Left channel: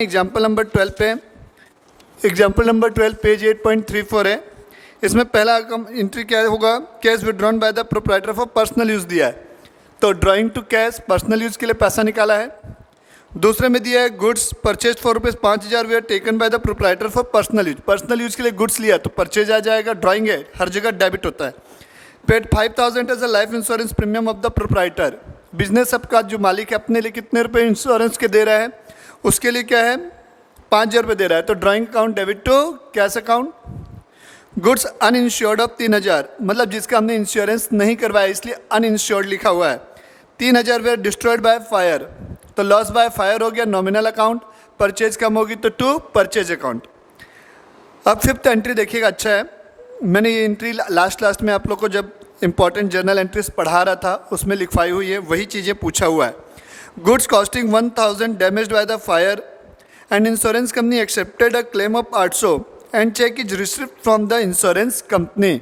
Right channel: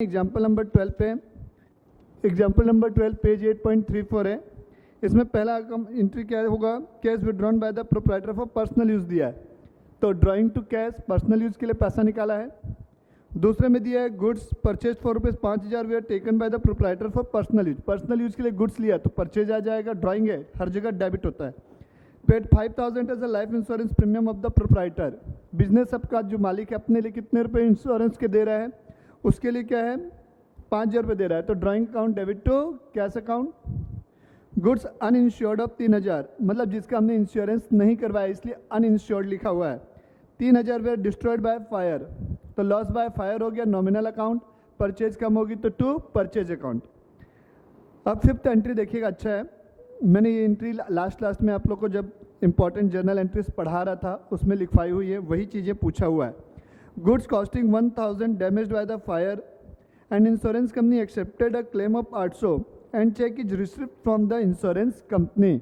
Example number 12 पे example number 12 page 8.34 है। इसमें पहला एंट्री क्या होगा, cash withdrawn by the proprietor for personal use दिया है, तो drawing to cash personal use के लिए पैसा निकाला है। दूसरे में दिया है goods purchase for ₹5,000 were taken by the proprietor for personal use के लिए गुड्स लिया तो परचेज आ जाएगा, ड्राइंग है, हर जगह डेबिट होता है। Paid 5,000 as a life insurance premium of the proprietor, business आपका जो मालिक है अपने लिए कितने रुपए इंश्योरेंस के दे रहा है, उसके लिए क्या है 5,000 रुपये दे रहा है, तो drawing account debit to cash account. Goods uninsured of 3,000, मतलब जिसका हमने इंश्योरेंस नहीं करवाया इसलिए अनइंश्योर्ड लिखा हुआ है। 3,000 वेयर डिस्ट्रॉयड बाय फायर, तो लॉस बाय फायर हो गया नॉमिनल अकाउंट, परचेज कम होगी तो टू परचेज अकाउंट। अब फिफ्थ एंट्री देखिएगा, अच्छा है, मैंने ये एंट्री लास्ट में आप लोग को जब इंपॉर्टेंट जर्नल एंट्रीज पढ़ा रहा था उसमें लिखवाई हुई है, वही चीज़ें पूछा हुआ है। Goods costing 1,000 damaged by the fire and insurance company accepted a claim of 800 and cheque is received from the insurance company.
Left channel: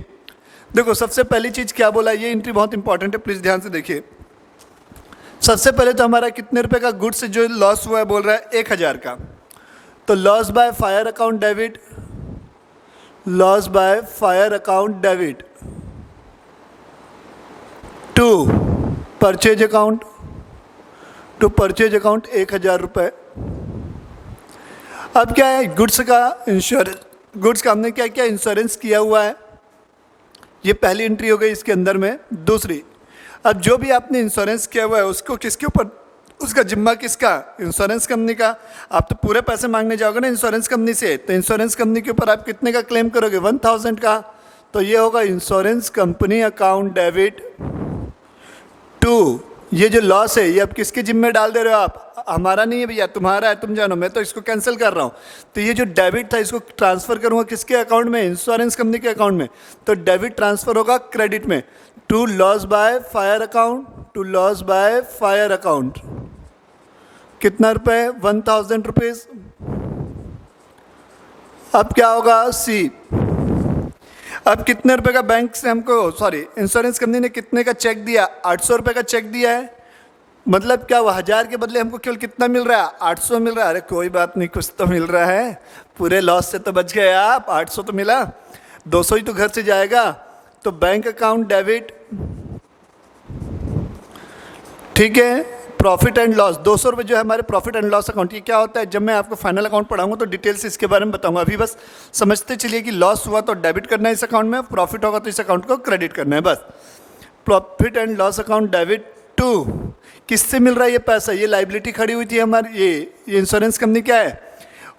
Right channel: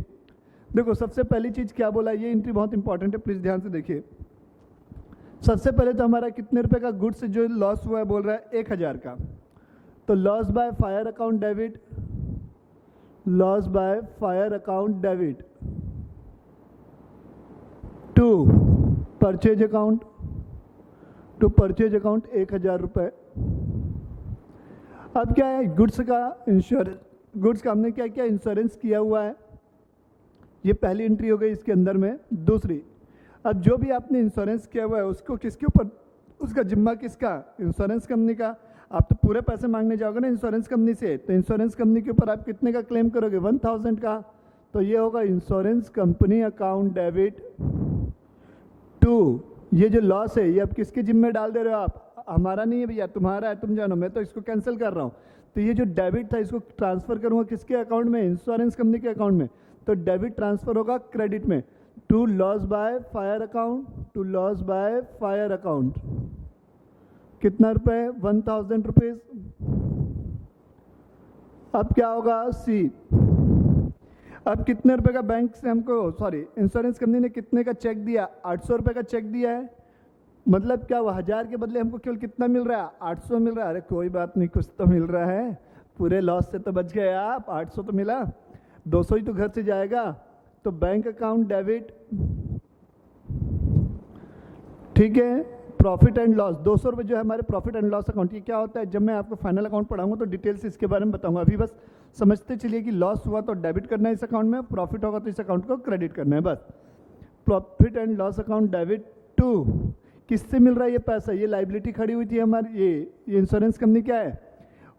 देखो सबसे पहली चीज़ क्या बोला, ये एंट्री बहुत इंपॉर्टेंट है, प्लीज़ ध्यान से देखिए। सबसे पहले तो हमारा कितने रुपए का गुड्स जो लॉस हुआ है बोल रहा है 1,000 का, तो loss by fire account debit, loss by fire account debit to purchase account, to purchase account 1,000 रुपये। अब क्या है, गुड्स का इंश्योरेंस, गुड्स का हमने क्या क्या इंश्योरेंस किया हुआ है, ये पहली एंट्री हो गई इसके अंदर में। दूसरी, अब जो भी आपने इंश्योरेंस किया हुआ है उसको किसके ऊपर, उसका जिम्मा किसका, इंश्योरेंस कंपनी का। आप तो पूरे पैसे मांगने जाओगे ना इंश्योरेंस कंपनी से, तो इंश्योरेंस कंपनी के ऊपर आप कितने का क्लेम करोगे, 1,000 का, तो ये होगा insurance company account debit to, ये जो लॉस है ये अब किसके जिम्मे डाल दे रहे हो आप, हमारा नहीं है भैया, तुम्हारा है, तुम जानो, मैं तो इसको कैंसिल कर रहा हूँ। तो ये जो डेबिट था इसको ट्रांसफर करूँगा किसके अकाउंट में, इंश्योरेंस कंपनी के अकाउंट में, तो डेबिट ट्रांसफर होगा क्रेडिट में, to loss by fire account, to loss by fire account. कितना रुपए, 1,000 रुपीज़। अब क्या होगा सी, अब कितने रुपए का बैंक से हमको, सॉरी इंश्योरेंस कंपनी ने कितने का चेक दिया, 800 रुपये का चेक दिया है, मतलब क्या वो 1,000 के बदले हमको केवल कितना मिल रहा है, 800 मिल रहा है। अरे कोई बात नहीं, कुछ तो मिल रहा है, पूरे लॉस से तो बच गए आप, 800 तो मिला, 200 ही तो घर से जाएगा, तो बैंक अकाउंट डेबिट, ठीक है। प्रॉफिट एंड लॉस 200 रुपये जो है हमारे प्रॉफिट एंड लॉस अकाउंट, ये क्या होता है, जब मैं आपको फाइनल अकाउंट पढ़ाऊंगा तो डिटेल से इसके बारे में बताऊंगा, अभी बस समझते चलिए कि लॉस हुआ तो डेबिट करना है इस अकाउंट में, प्रॉफिट होगा तो इस अकाउंट को क्रेडिट करना है बस। Profit and loss account debit to, किससे मिल रहा है ये पैसा, ये लाइबिलिटी खड़ी हुई थी हमारी, ये इंश्योरेंस कंपनी क्या है,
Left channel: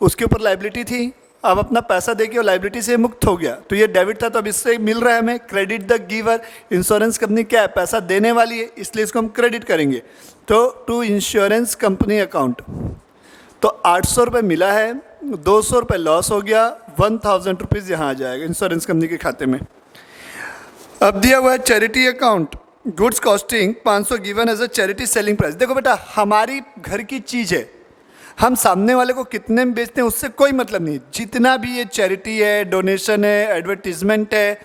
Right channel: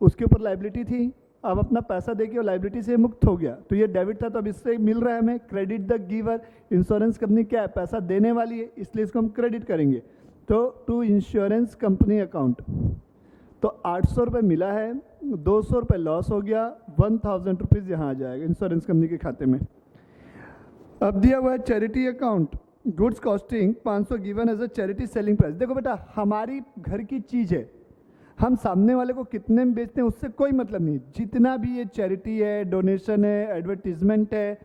उसके ऊपर लाइबिलिटी थी, अब अपना पैसा देके वो लाइबिलिटी से मुक्त हो गया, तो ये डेबिट था तो अब इससे मिल रहा है हमें, credit the giver, insurance company क्या है, पैसा देने वाली है इसलिए इसको हम क्रेडिट करेंगे, तो टू इंश्योरेंस कंपनी अकाउंट। तो 800 रुपये मिला है, 200 रुपये लॉस हो गया, 1,000 रुपीज़ यहाँ आ जाएगा इंश्योरेंस कंपनी के खाते में। अब दिया हुआ है charity account, goods costing 500 given as a charity selling price. देखो बेटा हमारी घर की चीज़ है, हम सामने वाले को कितने में बेचते हैं उससे कोई मतलब नहीं, जितना भी ये चैरिटी है, डोनेशन है, एडवर्टीजमेंट है,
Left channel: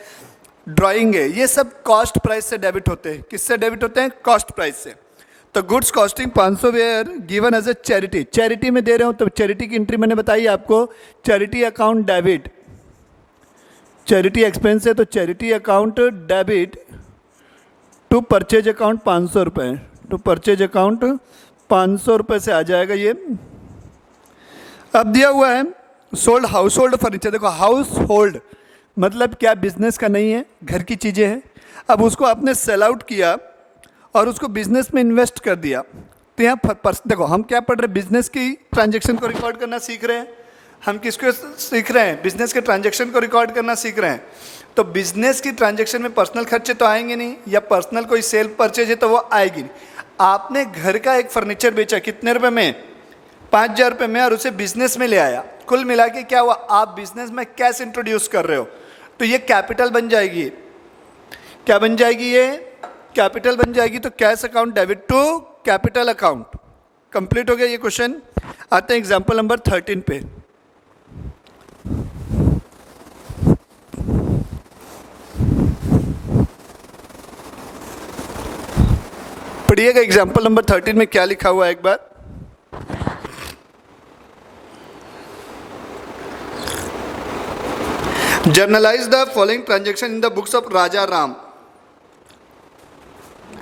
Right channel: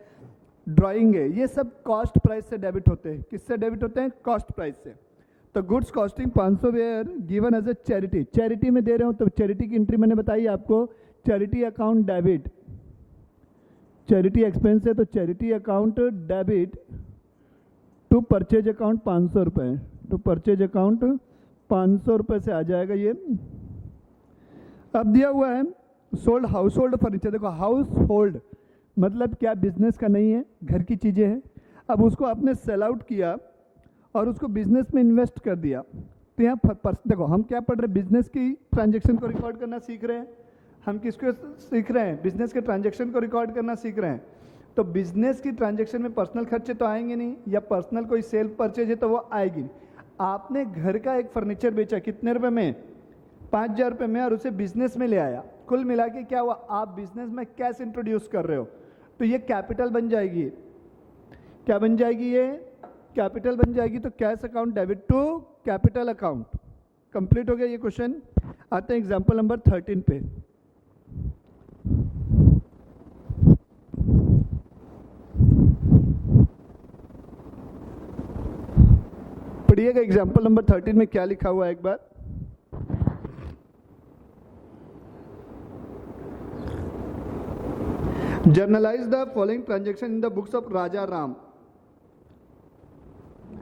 ड्राइंग है, ये सब कॉस्ट प्राइस से डेबिट होते हैं। किससे डेबिट होते हैं, कॉस्ट प्राइस से। तो goods costing 500 were given as a charity, charity में दे रहे हो तो चैरिटी की एंट्री मैंने बताई आपको, charity account debit, charity expense है तो charity account debit to purchase account 500 रुपये, टू परचेज अकाउंट 500 रुपये से आ जाएगा ये। अब दिया हुआ है सोल्ड हाउस होल्ड फर्नीचर, देखो हाउस होल्ड मतलब क्या, बिजनेस का नहीं है, घर की चीज़ें हैं, अब उसको आपने सेल आउट किया और उसको बिजनेस में इन्वेस्ट कर दिया, तो यहाँ देखो हम क्या पढ़ रहे हैं, बिजनेस की ट्रांजैक्शन को रिकॉर्ड करना सीख रहे हैं, हम किसको सीख रहे हैं, बिजनेस के ट्रांजैक्शन को रिकॉर्ड करना सीख रहे हैं। तो बिजनेस की ट्रांजैक्शन में पर्सनल खर्चे तो आएंगे नहीं, या पर्सनल कोई सेल परचेज है तो वो आएगी नहीं। आपने घर का एक फर्नीचर बेचा कितने रुपए में, 5,000 रुपये में, और उसे बिजनेस में ले आया, कुल मिला के क्या हुआ, आप बिजनेस में कैश इंट्रोड्यूस कर रहे हो, तो ये कैपिटल बन जाएगी, क्या बन जाएगी, ये कैपिटल बन जाएगी, तो cash account debit to capital account. Complete हो गया ये क्वेश्चन। आते हैं एग्जाम्पल नंबर 13 पे। पढ़िएगा एग्जाम्पल नंबर 13 में क्या लिखा हुआ है एक बार। Journalize the following transaction in the books of Raja Ram.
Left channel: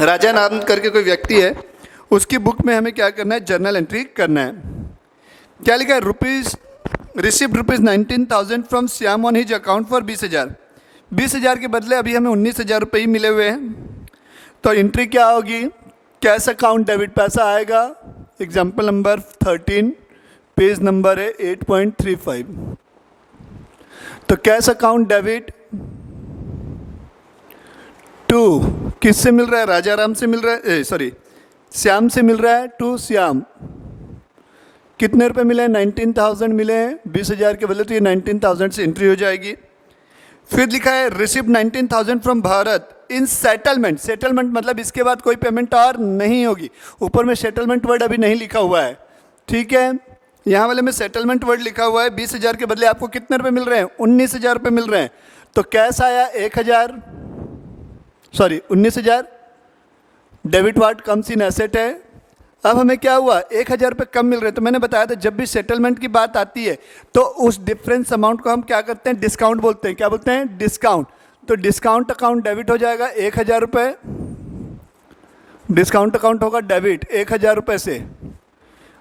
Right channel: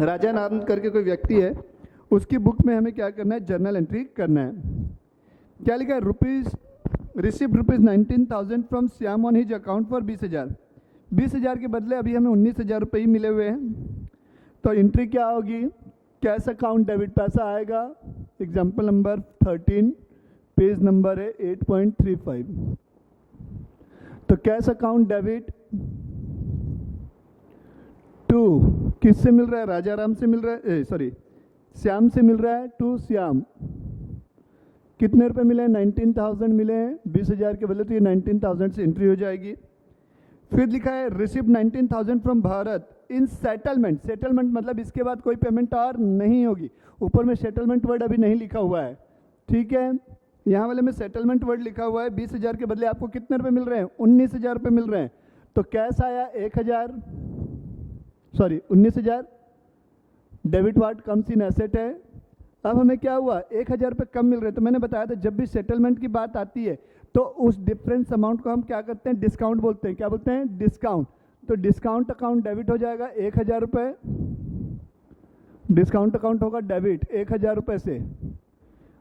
Raja Ram करके कोई व्यक्ति है, उसकी बुक में हमें क्या करना है, जर्नल एंट्री करना है। क्या लिखा है, rupees received rupees 19,000 from Shyam on his account for 20,000। 20,000 के बदले अभी हमें 19,000 रुपये ही मिले हुए हैं। तो एंट्री क्या होगी, कैश अकाउंट डेबिट पैसा आएगा। एग्जाम्पल नंबर 13, पेज नंबर है 8.35। तो कैश अकाउंट डेबिट टू किससे मिल रहा है, राजा राम से मिल रहा है, सॉरी श्याम से मिल रहा है, टू श्याम। कितने रुपए मिले, 19,000 मिले हैं। 20,000 के बदले तो ये 19,000 से एंट्री हो जाएगी। फिर लिखा है receive 19,000 from Bharat in settlement. Settlement मतलब इसके बाद कोई पेमेंट और नहीं होगी। ऊपर में सेटलमेंट वर्ड अभी नहीं लिखा हुआ है, ठीक है। यहाँ वाले में सेटलमेंट वर्ड लिखा हुआ है। 20,000 के बदले आपको कितने रुपए मिल रहे हैं, 19,000 रुपये मिल रहे हैं। तो कैश आया 19,000। Debit ward comes in asset है। अब हमें क्या हुआ, 1,000 रुपये कम मिल रहे हैं। तो मैंने बताया था जब भी सेटलमेंट की बात आती है तो उस डिफरेंस अमाउंट को हम क्या करते हैं, डिस्काउंट बोलते हैं। क्या बोलते हैं, डिस्काउंट। तो डिस्काउंट अकाउंट डेबिट हो जाएगा 1,000 रुपये। डिस्काउंट अकाउंट होगा डेबिट 1,000 रुपये से।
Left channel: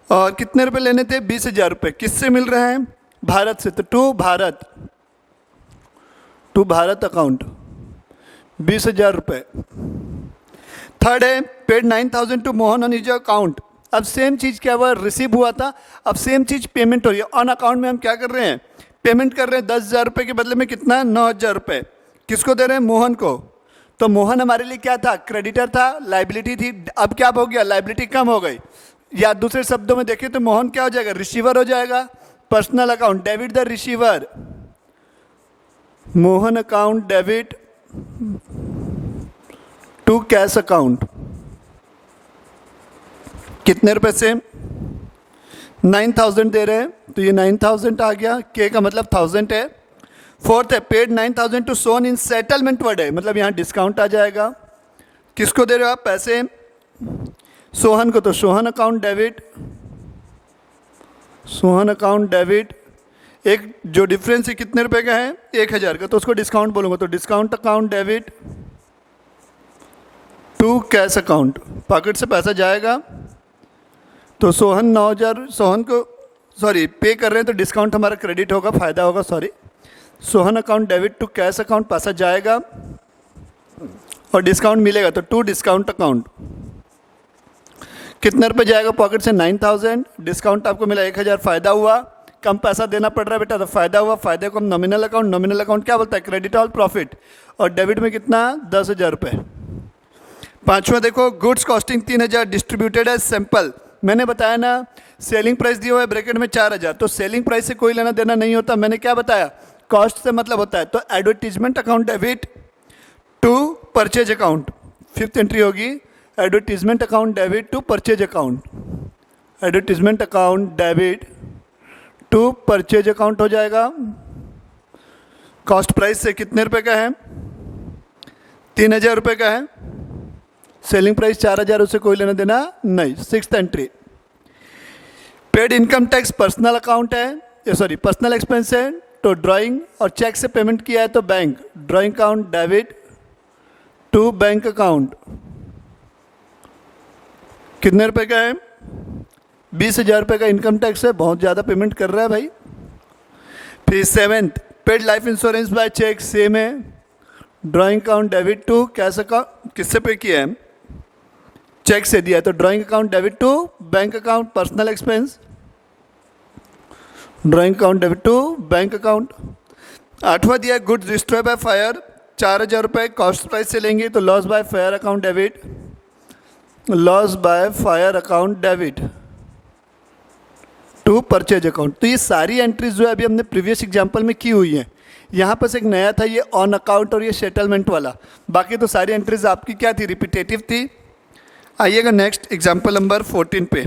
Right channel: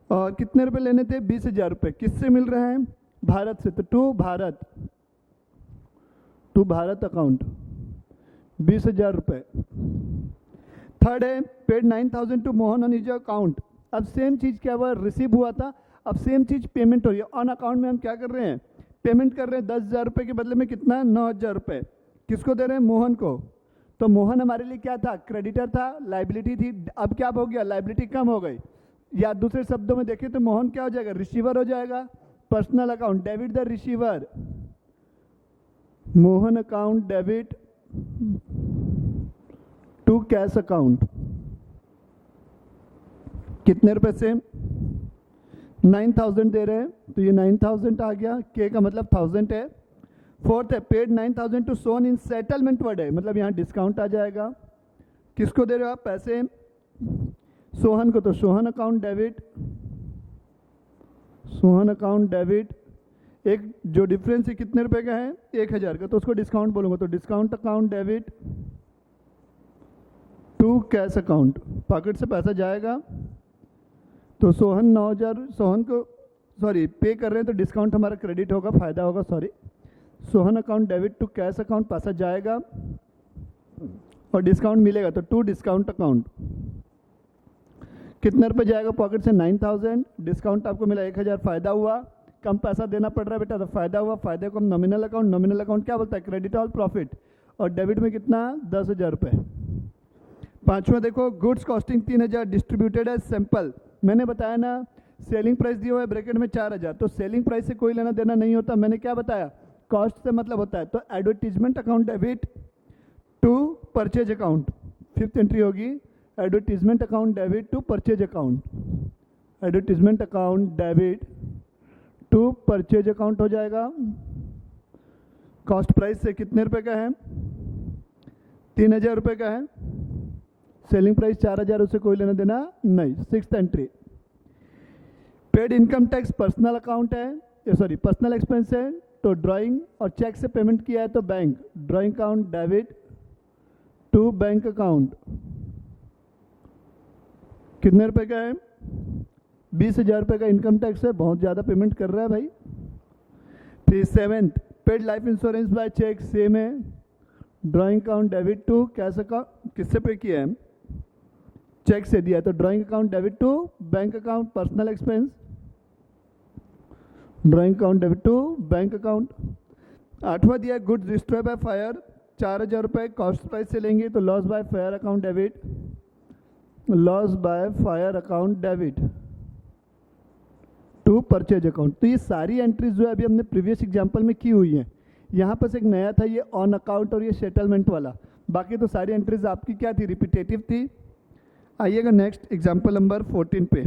और कितने रुपए लेने थे, 20,000 रुपये। किससे मिल रहे हैं, भारत से। तो टू भारत अकाउंट 20,000 रुपये। थर्ड है paid 9,000 to Mohan on his account. अब सेम चीज़ क्या हुआ, रिसीव हुआ था, अब सेम चीज़ पेमेंट हो रही है। ऑन अकाउंट में हम क्या कर रहे हैं, पेमेंट कर रहे हैं। 10,000 रुपये के बदले में कितना, 9,000 रुपये। किसको दे रहे हैं, मोहन को। तो मोहन हमारे लिए क्या था, क्रेडिटर था, लाइबिलिटी थी। अब क्या हो गया, लाइबिलिटी कम हो गई। या दूसरे शब्दों में देखिए तो मोहन क्या हो जाएगा, रिसीवर हो जाएगा। Personal account debit the receiver. Mohan account debit to cash account. कितने रुपए से, 9,000 दे रहे हैं, तो ये 9,000 आ गया। के का मतलब 1000 है। फोर्थ है paid 9,000 to Sohan in settlement word है, मतलब यहाँ डिस्काउंट आ जाएगा। किसको दे रहे हो आप पैसे, सोहन को। तो Sohan account debit, Sohan account debit. एक जो डिफरेंस है कितने रुपए का है, 1,000 का, तो उसको डिस्काउंट बोलूँगा। तो discount account debit to cash account. Pocket से पैसा जाएगा तो सोहन 9,000, सोहन को पे कर रहे हैं तो डिस्काउंट हमारा क्रेडिट होगा, फ़ायदा होगा, Sohan account debit to cash account, पैसा जाएगा और डिस्काउंट मिलेगा। तो टू डिस्काउंट अकाउंट। कितने रुपए जाएगा पॉकेट से, 9,000। डिस्काउंट आपको मिला 1,000, फ़ायदा हुआ। कम पैसा देना पड़ रहा है बेटा, तो फ़ायदा हुआ। फ़ायदे को हम नॉमिनल अकाउंट, नॉमिनल अकाउंट क्या बोलता है, क्रेडिट ऑल प्रॉफिट। और डेबिट में कितना, 10,000 रुपये। पाँचवा देखो, goods costing 3,000 distributed as sample. मैंने बताया ना, सेलिंग प्राइस दिया हुआ है ब्रैकेट में 4,000, तो सेलिंग प्राइस से कोई लेना देना नहीं होता। मैंने क्या बताया, कॉस्ट से मतलब होता है। तो advertisement account debit to purchase account. Fifth entry होगी advertisement account debit to purchase account. Advertisement account debit to purchase account हो जाएगा। कॉस्ट प्राइस से कितने रुपए का है, 3,000 रुपये का है। सेलिंग प्राइस 4,000, उससे कोई लेना देना नहीं। Sixth entry paid income tax personal account है, पर्सनल एक्सपेंस है। तो ड्राइंग और चेक से पेमेंट किया है तो bank, drawing account debit to bank account. कितने रुपए का है, 20,000 रुपये का इनकम टैक्स है, बहुत ज़्यादा पेमेंट कर रहा है भाई। फिर seventh paid life insurance by cheque, same है। Drawing account debit to cash account, किससे पे किया है, चेक से दिया है। तो drawing account debit to bank account, personal expense. Drawing account debit to bank account. आठवां दिया है गुड्स डिस्ट्रॉय बाय फायर, 4,000 रुपये कॉस्ट प्राइस से लेंगे तो loss by fire account debit, loss by fire account debit to purchase account. तो ये सारी एंट्रीज जो है अभी हमने प्रीवियस एग्जांपल में की हुई हैं। यहाँ पर एक नया था ये ऑन अकाउंट और ये सेटलमेंट वाला, बाकी तो सारी एंट्रीज आपकी क्या थी, रिपीटेटिव थी। आइएगा नेक्स्ट एग्जांपल नंबर 14 पे।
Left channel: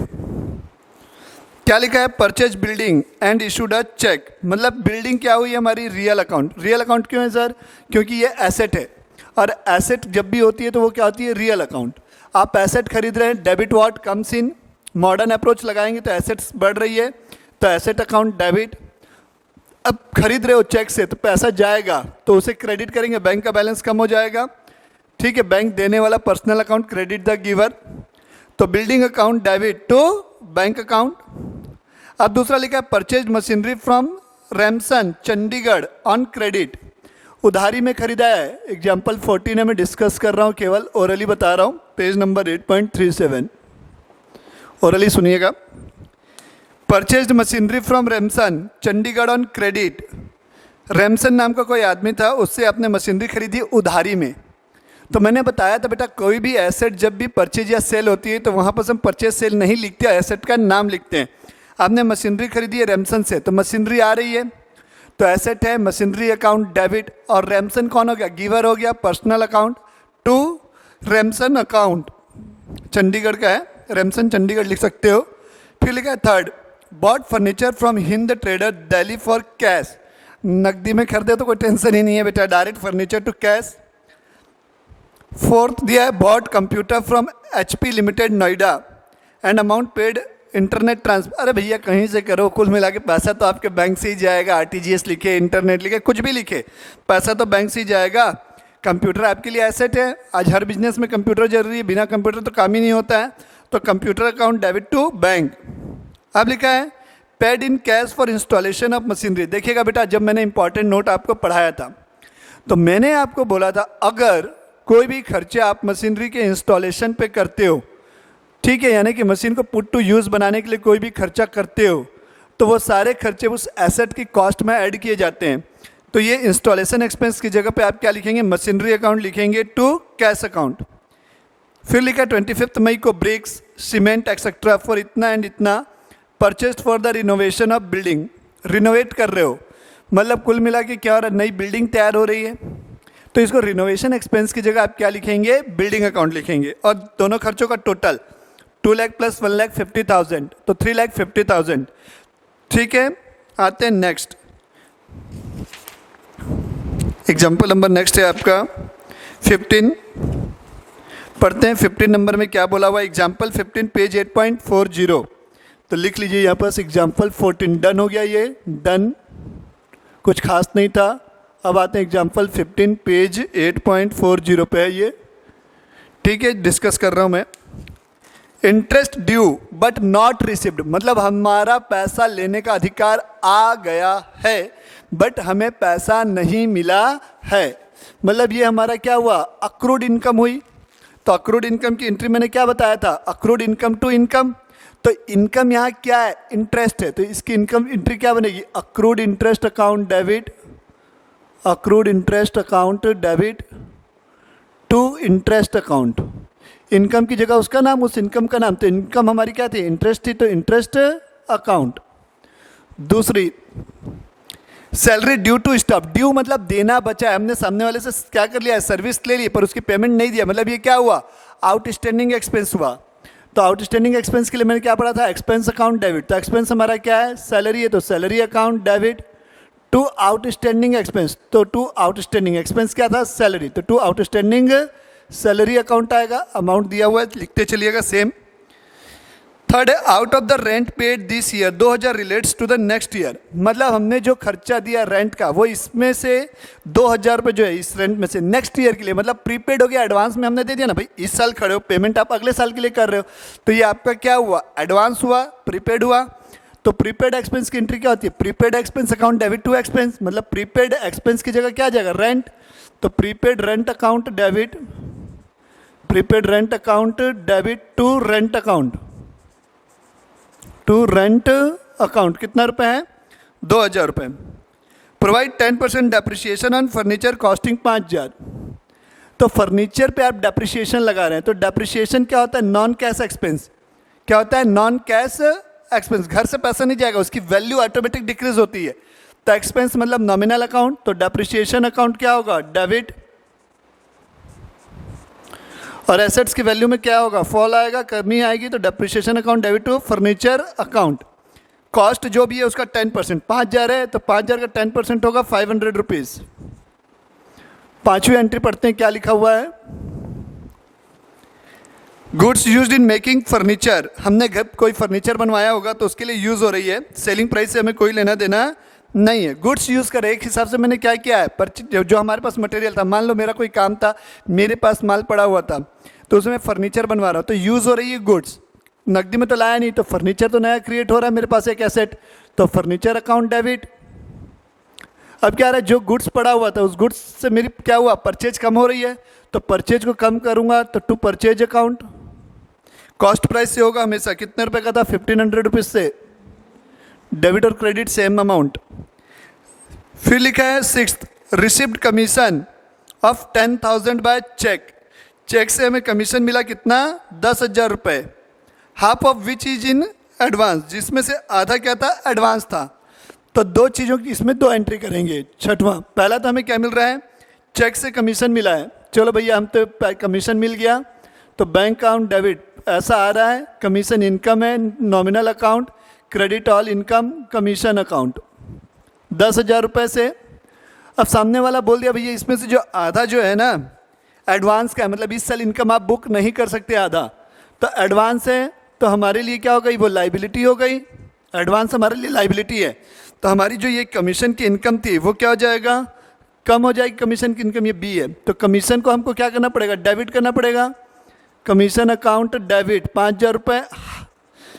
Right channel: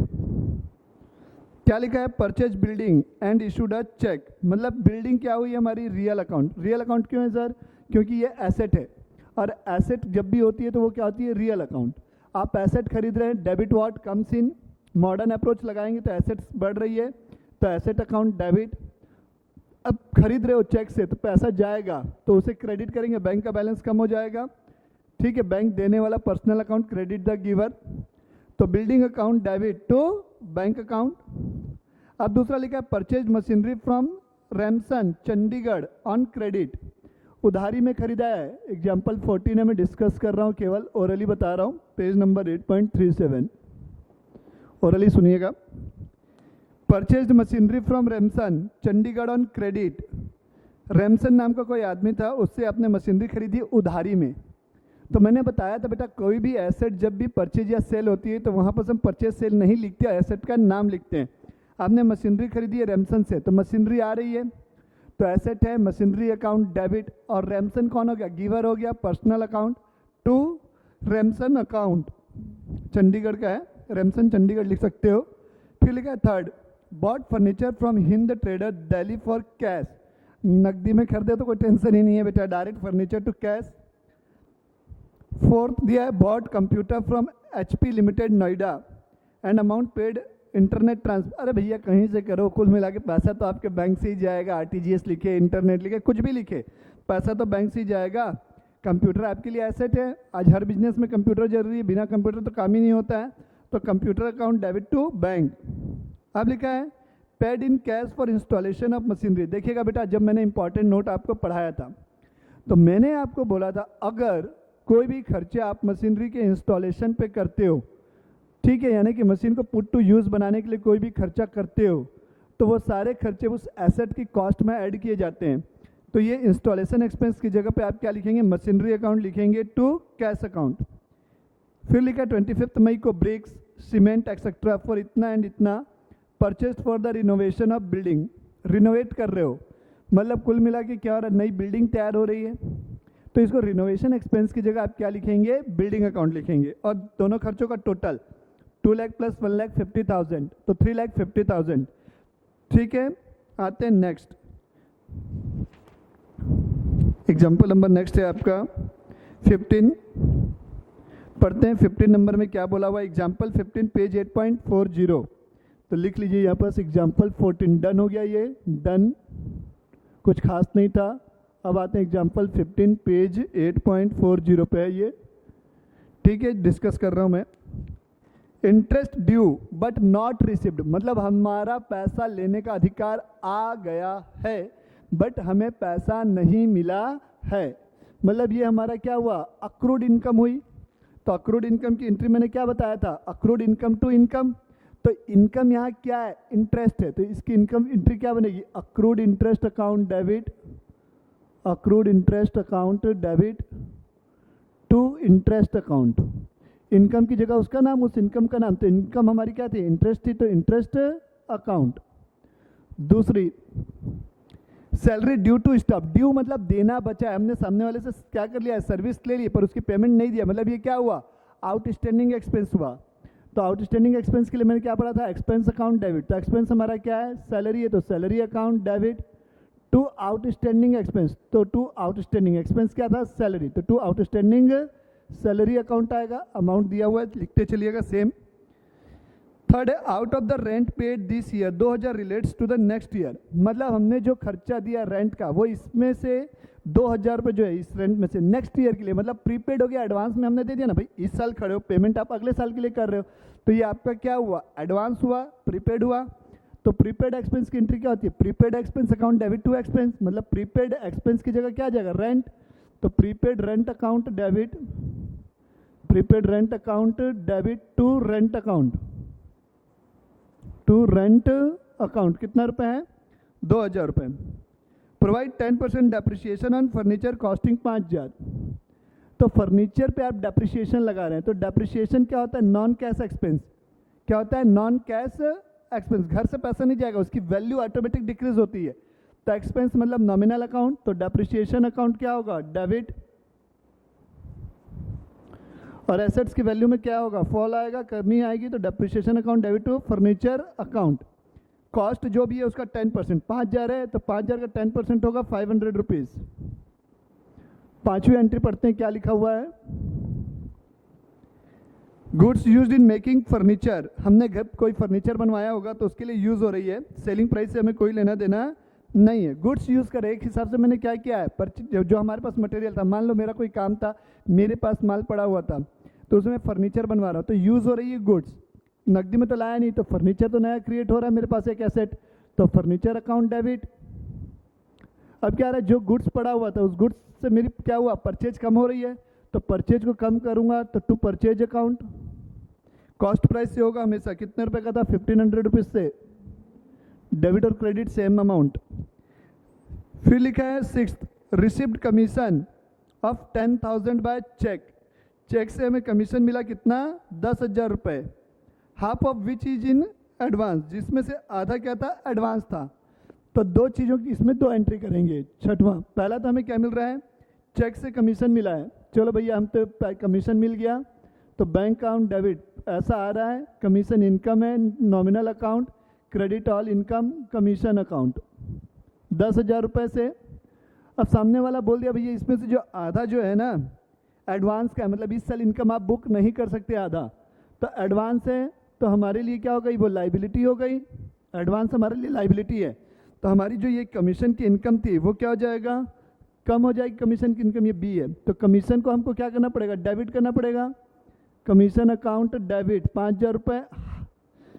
क्या लिखा है, purchase building and issued a cheque. मतलब बिल्डिंग क्या हुई है हमारी, रियल अकाउंट। रियल अकाउंट क्यों है सर, क्योंकि ये एसेट है और एसेट जब भी होती है तो वो क्या होती है, रियल अकाउंट। आप एसेट खरीद रहे हैं, debit what comes in, modern approach लगाएंगे तो एसेट्स बढ़ रही है तो एसेट अकाउंट डेबिट। अब खरीद रहे हो चेक से तो पैसा जाएगा तो उसे क्रेडिट करेंगे, बैंक का बैलेंस कम हो जाएगा। ठीक है, बैंक देने वाला personal account credit the giver, तो building account debit to bank account. अब दूसरा लिखा है purchase machinery from Ramson Chandigarh on credit, उधारी में खरीदा है। एग्जाम्पल 14 है, मैं डिस्कस कर रहा हूँ, केवल ओरली बता रहा हूँ। पेज नंबर 8.37 ओरली सुनिएगा। Purchased machinery from Ramson Chandigarh on credit, Ramson नाम का कोई आदमी था, उससे आपने मशीनरी खरीदी उधारी में। तो मैंने बताया था बेटा कोई भी एसेट जब भी परचेज या सेल होती है तो वहाँ पर हम परचेज सेल नहीं लिखते, एसेट का नाम लिखते हैं। आपने मशीनरी खरीदी है रैमसन से, तो मशीनरी आ रही है तो एसेट है, मशीनरी अकाउंट डेबिट, और रैमसन कौन हो गया, गिवर हो गया, personal account to Ramson account, Chandigarh का है, रैमसन चंडीगढ़ लिख सकते हो। फिर लिखा है third, bought furniture from Hind trader Delhi for cash, नकदी में खरीदे तो कोई टेंशन ही नहीं है बेटा, direct furniture to cash. Fourth दिया है bought computer from HP limited Noida and amount paid internet transfer. अरे भैया कहीं से करो, कुल मिला के पैसा तो आपके बैंक से ही जाएगा, RTGS लिखे, इंटरनेट लिखे, कुछ भी लिखे, पैसा तो बैंक से ही जाएगा। कंप्यूटर आपके लिए एसेट है, आज हर बिजनेस में कंप्यूटर जरूरी है, बिना कंप्यूटर तो काम ही नहीं होता है, तो computer account debit to bank. अब लिखा है paid in cash for installation of machinery. देखिएगा बेटा जब मैंने इंपॉर्टेंट नोट आपको पढ़ाया था तो मैंने आपको बोला था अगर कोई भी खर्चे आप मशीनरी के इंस्टॉलेशन पे करते हो, ठीक है, यानी कि मशीन को पुट टू यूज़ बनाने के लिए कोई भी खर्चा करते हो तो वो सारे खर्चे उस एसेट की कॉस्ट में ऐड किए जाते हैं। तो ये इंस्टॉलेशन एक्सपेंस की जगह पे आप क्या लिखेंगे, मशीनरी अकाउंट लिखेंगे टू कैश अकाउंट। फिर लिखा 25 मई को ब्रिक्स सीमेंट एक्सेट्रा फॉर इतना एंड इतना purchased for the renovation of building, renovate कर रहे हो, मतलब कुल मिला के क्या हो रहा है, नई बिल्डिंग तैयार हो रही है, तो इसको रिनोवेशन एक्सपेंस की जगह आप क्या लिखेंगे, बिल्डिंग अकाउंट लिखेंगे। और दोनों खर्चों का टोटल 2 लाख प्लस 1,50,000 तो 3,50,000। ठीक है, आते हैं नेक्स्ट एग्जाम्पल नंबर, नेक्स्ट है आपका 15, पढ़ते हैं 15 नंबर में क्या बोला हुआ। एग्जाम्पल 15 पेज 8.40, तो लिख लीजिए यहाँ पर एग्जाम्पल 14। डन हो गया, ये डन, कुछ खास नहीं था। अब आते हैं एग्जाम्पल 15 पेज 8.40 पे है ये, ठीक है, डिस्कस कर रहा हूँ मैं। Interest due but not received, मतलब हमारा पैसा लेने का अधिकार आ गया है बट हमें पैसा नहीं मिला है, मतलब ये हमारा क्या हुआ, अक्रूड इनकम हुई। तो अक्रूड इनकम की एंट्री मैंने क्या बताया था, अक्रूड इनकम टू इनकम, तो इनकम यहाँ क्या है, इंटरेस्ट है, तो इसकी इनकम एंट्री क्या बनेगी, accrued interest account debit, accrued interest account debit to interest account. Income की जगह उसका नाम, उस इनकम का नाम, तो इनकम हमारी क्या थी, इंटरेस्ट थी, तो इंटरेस्ट अकाउंट। दूसरी salary due to staff, due मतलब देना बचा है, हमने सामने वाले से क्या कर लिया है, सर्विस ले ली पर उसकी पेमेंट नहीं दिया, मतलब ये क्या हुआ, आउटस्टैंडिंग एक्सपेंस हुआ। तो आउटस्टैंडिंग एक्सपेंस के लिए मैंने क्या पढ़ा था, एक्सपेंस अकाउंट डेबिट, तो एक्सपेंस हमारा क्या है, सैलरी है, तो salary account debit to outstanding expense, तो टू आउटस्टैंडिंग एक्सपेंस क्या था, सैलरी, तो टू आउटस्टैंडिंग सैलरी अकाउंट आएगा, अमाउंट दिया हुआ है, लिखते चलिएगा सेम। थर्ड है out of the rent paid this year, 2000 relates to the next year, मतलब हमने जो खर्चा दिया रेंट का वो इसमें से 2000 रुपये जो है इस रेंट में से नेक्स्ट ईयर के लिए, मतलब प्रीपेड हो गया, एडवांस में हमने दे दिया ना भाई, इस साल खड़े हो, पेमेंट आप अगले साल के लिए कर रहे हो, तो ये आपका क्या हुआ, एडवांस हुआ, प्रीपेड हुआ। तो प्रीपेड एक्सपेंस की एंट्री क्या होती है, prepaid expense account debit to expense, मतलब प्रीपेड एक्सपेंस की जगह क्या आ जाएगा, रेंट, तो prepaid rent account debit, prepaid rent account debit to rent account, to rent account कितना रुपए है, 2000 रुपये। Provide 10% depreciation on furniture costing 5000, तो फर्नीचर पे आप डेप्रिसिएशन लगा रहे हैं, तो डेप्रिसिएशन क्या होता है, नॉन कैश एक्सपेंस, क्या होता है, नॉन कैश एक्सपेंस, घर से पैसा नहीं जाएगा, उसकी वैल्यू ऑटोमेटिक डिक्रीज होती है, तो एक्सपेंस मतलब नॉमिनल अकाउंट, तो डेप्रिसिएशन अकाउंट क्या होगा, डेबिट, और एसेट्स की वैल्यू में क्या होगा, फॉल आएगा, कमी आएगी, तो depreciation account debit to furniture account. Cost जो भी है उसका 10%, 5000 है तो 5000 का 10% होगा 500 रुपीज़। पांचवी एंट्री पढ़ते हैं क्या लिखा हुआ है, goods used in making furniture, हमने घर कोई फर्नीचर बनवाया होगा तो उसके लिए यूज़ हो रही है, सेलिंग प्राइस से हमें कोई लेना देना नहीं है। गुड्स यूज़ करें, एक हिसाब से मैंने क्या किया है, जो हमारे पास मटेरियल था, मान लो मेरा कोई काम था, मेरे पास माल पड़ा हुआ था, तो उसमें फर्नीचर बनवा रहा हूँ, तो यूज़ हो रही है गुड्स, नकदी में तो लाया नहीं, तो फर्नीचर तो नया क्रिएट हो रहा है मेरे पास एक एसेट, तो फर्नीचर अकाउंट डेबिट। अब क्या रहा है, जो गुड्स पड़ा हुआ था उस गुड्स से मेरी क्या हुआ, परचेज कम हो रही है, तो परचेज को कम करूँगा तो to purchase account. Cost price से होगा हमेशा, कितने रुपए का था, 1500 रुपीज़ से, डेबिट और क्रेडिट सेम अमाउंट। फिर लिखा है 6th, received commission of 10,000 by cheque. Cheque से हमें कमीशन मिला कितना, 10,000 रुपये, half of which is in advance, जिसमें से आधा क्या था, एडवांस था। तो दो चीज़ों की इसमें दो एंट्री करेंगे। छठवां, पहला तो हमें क्या मिल रहा है, चेक से कमीशन मिला है, चलो भैया हम तो कमीशन मिल गया, तो बैंक अकाउंट डेबिट ऐसा आ रहा है, कमीशन इनकम है, nominal account, credit all income, commission account, 10,000 रुपये से। अब सामने वाला बोल दिया भैया इसमें से जो आधा जो है ना एडवांस का है, मतलब इस साल इनकम आप बुक नहीं कर सकते आधा, तो एडवांस है, तो हमारे लिए क्या हो गई, वो लाइबिलिटी हो गई, एडवांस हमारे लिए लाइबिलिटी है, तो हमारी जो ये कमीशन की इनकम थी वो क्या हो जाएगा, कम हो जाएगी कमीशन की इनकम, ये बी है, तो कमीशन को हमको क्या करना पड़ेगा, डेबिट करना पड़ेगा, कमीशन अकाउंट डेबिट 5,000 रुपये।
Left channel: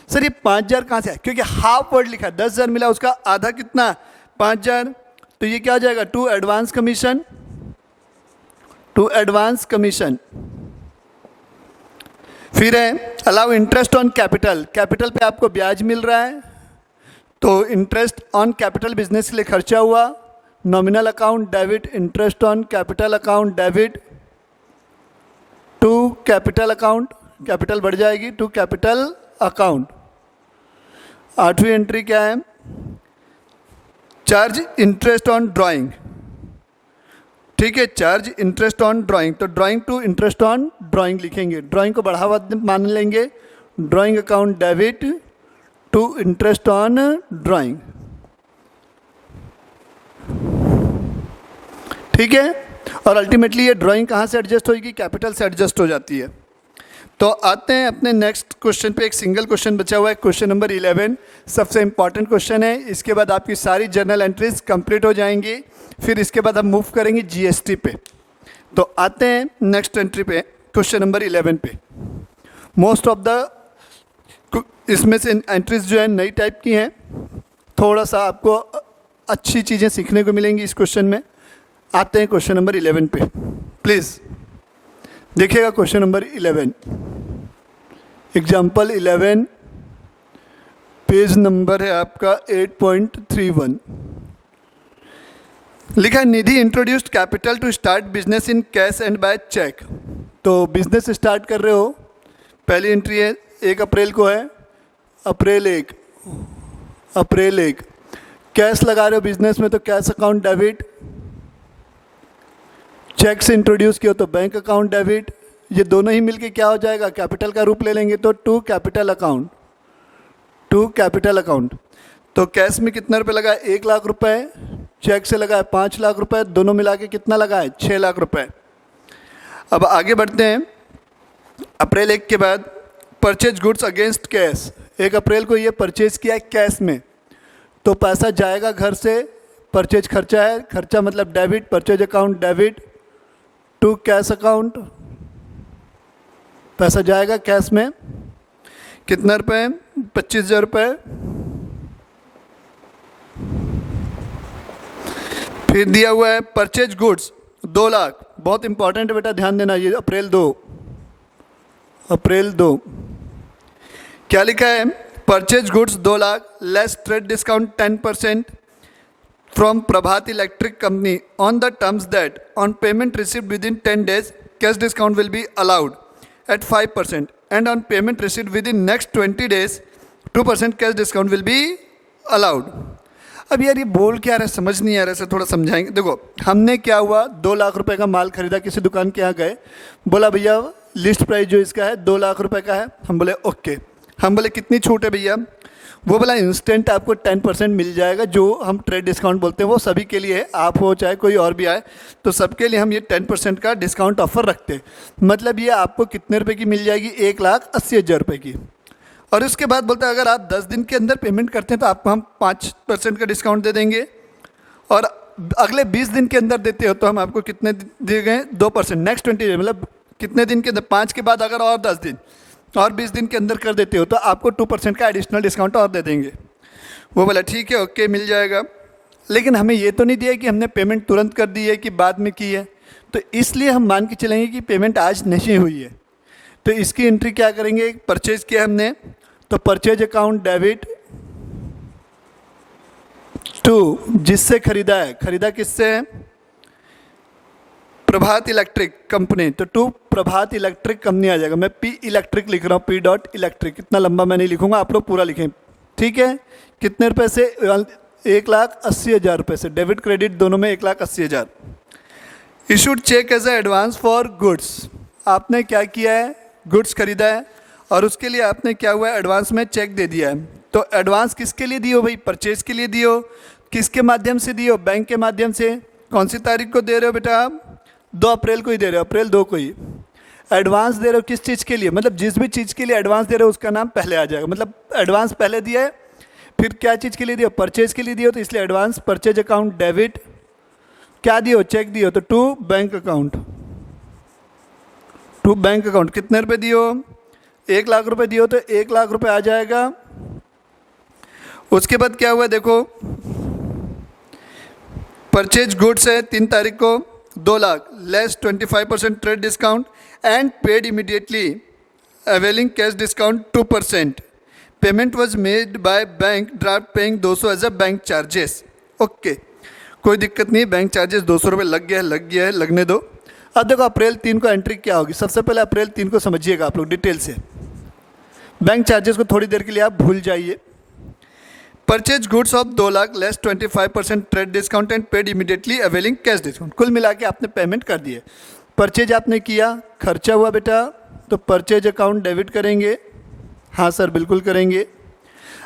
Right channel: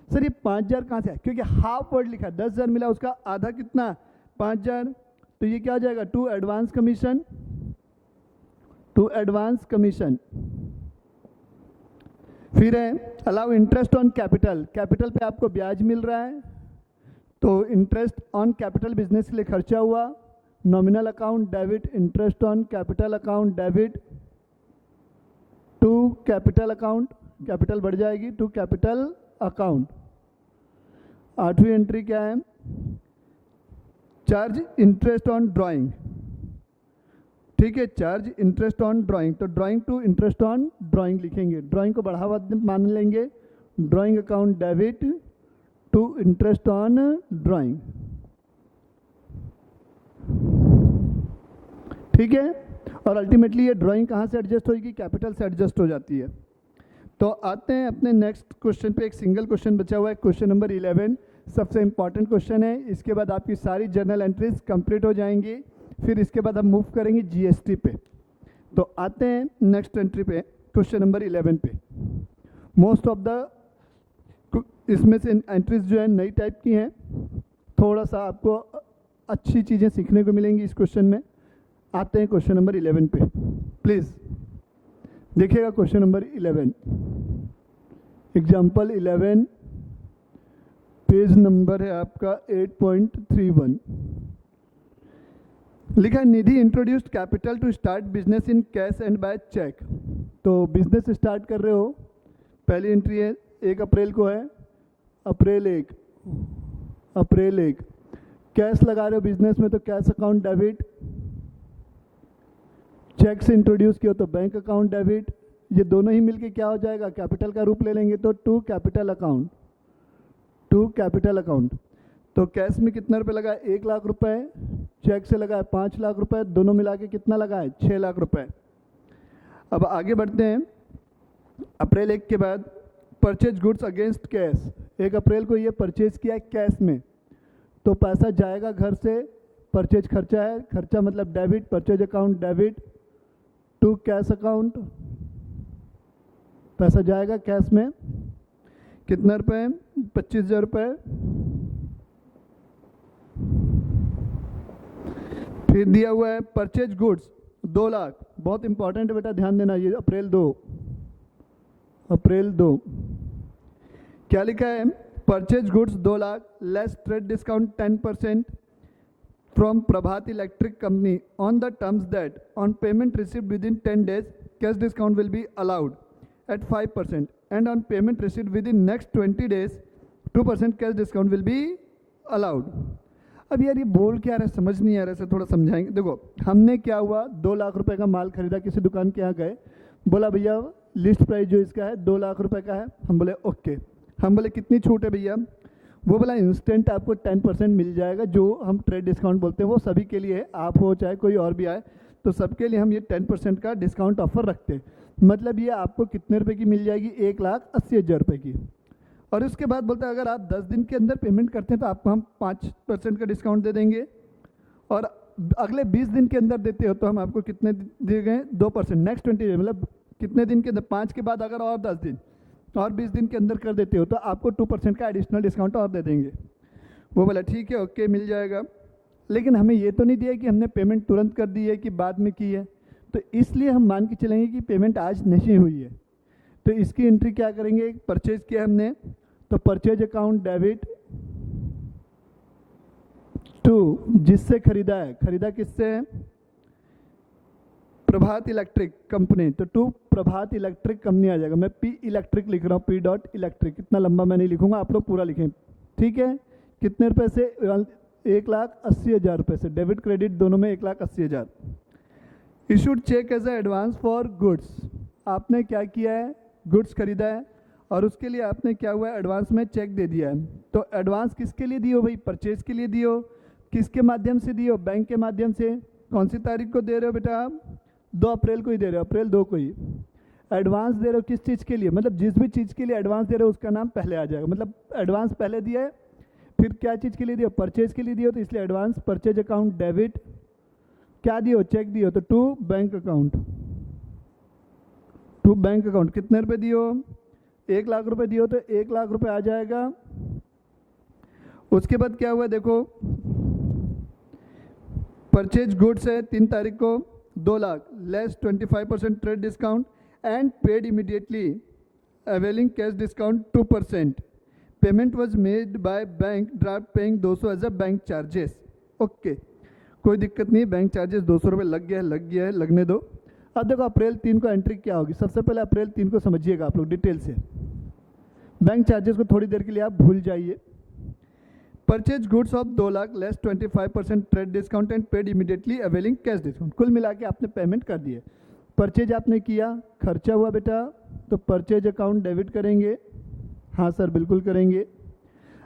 सर ये 5,000 कहाँ से है, क्योंकि हाफ वर्ड लिखा है, 10,000 मिला, उसका आधा कितना, 5,000, तो ये क्या हो जाएगा, to advance commission, to advance commission. फिर है allow interest on capital, capital पे आपको ब्याज मिल रहा है, तो इंटरेस्ट ऑन कैपिटल बिजनेस के लिए खर्चा हुआ, nominal account debit, interest on capital account debit to capital account, capital बढ़ जाएगी टू कैपिटल अकाउंट। 8वीं एंट्री क्या है, चार्ज इंटरेस्ट ऑन ड्राइंग, ठीक है, चार्ज इंटरेस्ट ऑन ड्राइंग, तो drawing to interest on drawing लिखेंगे, ड्राइंग को बढ़ावा मान लेंगे, drawing account debit to interest on drawing, ठीक है। और अल्टीमेटली ये ड्राइंग कहाँ से एडजस्ट होगी, कैपिटल से एडजस्ट हो जाती है। तो आते हैं अपने नेक्स्ट क्वेश्चन पे, एक सिंगल क्वेश्चन बचा हुआ है, क्वेश्चन नंबर 11, सबसे इंपॉर्टेंट क्वेश्चन है, इसके बाद आपकी सारी जर्नल एंट्रीज कंप्लीट हो जाएंगी, फिर इसके बाद हम मूव करेंगे जीएसटी पे। तो आते हैं नेक्स्ट एंट्री पे, क्वेश्चन नंबर 11 पे। मोस्ट ऑफ द इसमें से एंट्रीज जो है नई टाइप की हैं, थोड़ा सा आपको अच्छी चीज़ें सीखने को मिलेंगी इस क्वेश्चन में। आते हैं क्वेश्चन नंबर 11 पे, प्लीज़ देखिएगा question number 11, example 11, page number है आपका 8.31। लिखा है Nidhi introduced capital to start business in cash and by cheque. तो बिजनेस स्टार्ट कर रहे हो, पहली एंट्री है 1 अप्रैल को है, अप्रैल 1, कैश लगा रहे हो बिजनेस में, तो कैश अकाउंट डेबिट, चेक से इंट्रोड्यूस किया तो बैंक अकाउंट डेबिट, ये दोनों ही मिलके क्या हो जाएगा, कैपिटल का रूप ले लेंगे, तो to capital account, to capital account. तो कैश में कितना रुपये लगा है, 1 लाख रुपए, चेक से लगा है 5 लाख रुपए, दोनों मिला के कितना लगा है, 6 लाख रुपए। अब आगे बढ़ते हैं, अप्रैल 1 के बाद परचेज गुड्स अगेंस्ट कैश, 1 अप्रैल को ये परचेज किया है कैश में, तो पैसा जाएगा घर से, परचेज खर्चा है, खर्चा मतलब debit, purchase account debit to cash account, पैसा जाएगा कैश में, कितना रुपए, 25,000 रुपये। फिर दिया हुआ है परचेज गुड्स 2 लाख, बहुत इंपॉर्टेंट है बेटा, ध्यान देना, ये अप्रैल 2 क्या लिखा है, purchase goods 2 lakh less trade discount 10% from Prabhat electric company on the terms that on payment received within 10 days cash discount will be allowed at 5% and on payment received with in next 20 days 2% cash discount will be allowed. अब यार ये बोल क्या रहा है, समझ नहीं आ रहा है, थोड़ा समझाएंगे। देखो हमने क्या हुआ, 2 लाख रुपए का माल खरीदा, किसी दुकान के यहाँ गए, बोला भैया लिस्ट प्राइस जो इसका है 2 लाख रुपए का है, हम बोले ओके, हम बोले कितनी छूट है भैया, वो बोला इंस्टेंट आपको 10% मिल जाएगा, जो हम ट्रेड डिस्काउंट बोलते हैं वो सभी के लिए है, आप हो चाहे कोई और भी आए, तो सबके लिए हम ये 10% का डिस्काउंट ऑफर रखते हैं। मतलब ये आपको कितने रुपए की मिल जाएगी, 1,80,000 रुपये की। और उसके बाद बोलते हैं अगर आप 10 दिन के अंदर पेमेंट करते हैं तो आपको हम 5% का डिस्काउंट दे देंगे, और अगले 20 दिन के अंदर देते हो तो हम आपको कितने दिए गए 2%। नेक्स्ट 20 दिन मतलब कितने दिन के अंदर, 5 के बाद अगर और 10 दिन और 20 दिन के अंदर कर देते हो तो आपको 2% का एडिशनल डिस्काउंट और दे देंगे। वो बोला ठीक है ओके मिल जाएगा, लेकिन हमें ये तो नहीं दिया कि हमने पेमेंट तुरंत कर दी है कि बाद में की है, तो इसलिए हम मान के चलेंगे कि पेमेंट आज नहीं हुई है। तो इसकी एंट्री क्या करेंगे, परचेज किया हमने तो परचेज अकाउंट डेबिट टू जिससे खरीदा है, खरीदा किससे है, प्रभात इलेक्ट्रिक कंपनी, तो टू प्रभात इलेक्ट्रिक कंपनी आ जाएगा। मैं पी इलेक्ट्रिक लिख रहा हूँ, पी डॉट इलेक्ट्रिक, इतना लंबा मैं नहीं लिखूंगा, आप लोग पूरा लिखें ठीक है। कितने रुपए से, 1,80,000 रुपये से, डेबिट क्रेडिट दोनों में 1,80,000। Issued cheque as a advance for goods, आपने क्या किया है, गुड्स खरीदा है और उसके लिए आपने क्या हुआ है, एडवांस में चेक दे दिया है। तो एडवांस किसके लिए दियो भाई, परचेज के लिए दियो, किसके माध्यम से दियो, बैंक के माध्यम से। कौन सी तारीख को दे रहे हो बेटा आप, 2 अप्रैल को ही दे रहे हो, अप्रैल 2 को ही। एडवांस दे रहे हो किस चीज़ के लिए, मतलब जिस भी चीज़ के लिए एडवांस दे रहे हो उसका नाम पहले आ जाएगा, मतलब एडवांस पहले दिया है, फिर क्या चीज़ के लिए दियो, परचेज के लिए दियो, तो इसलिए एडवांस परचेज अकाउंट डेबिट, क्या दियो, चेक दियो, तो to bank account, to bank account. कितने रुपए दियो, 1 लाख रुपए दियो तो 1 लाख रुपए आ जाएगा। उसके बाद क्या हुआ देखो, परचेज गुड्स है 3 तारीख को 2 lakh less 25% trade discount and paid immediately availing cash discount 2%। Payment was made by bank draft paying 200 as a bank charges. Okay कोई दिक्कत नहीं, बैंक चार्जेस 200 रुपये लग गया है, लगने दो। अब देखो अप्रैल 3 को एंट्री क्या होगी, सबसे पहले अप्रैल 3 को समझिएगा आप लोग डिटेल से, बैंक चार्जेस को थोड़ी देर के लिए आप भूल जाइए। Purchase goods of 2 lakh less 25% trade discount and paid immediately availing cash discount. कुल मिला के आपने पेमेंट कर दिए, परचेज आपने किया, खर्चा हुआ बेटा, तो परचेज अकाउंट डेबिट करेंगे, हाँ सर बिल्कुल करेंगे।